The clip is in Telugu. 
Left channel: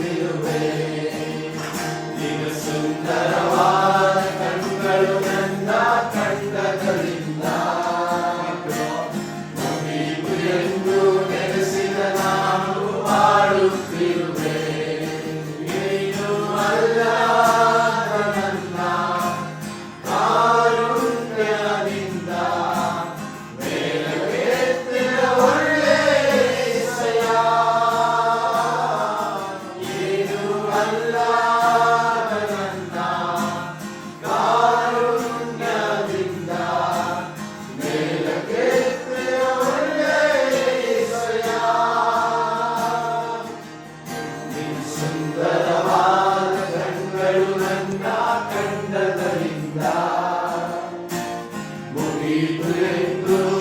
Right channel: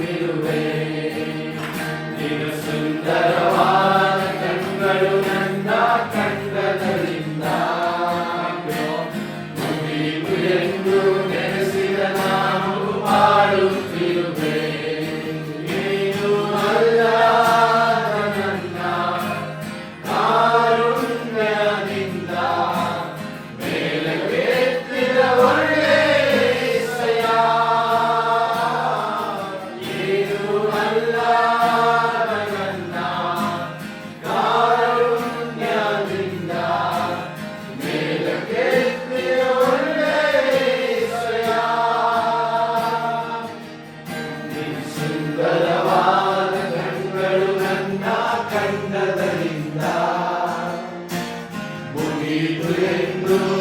నిలువే నిలు సుందరవా Cristo.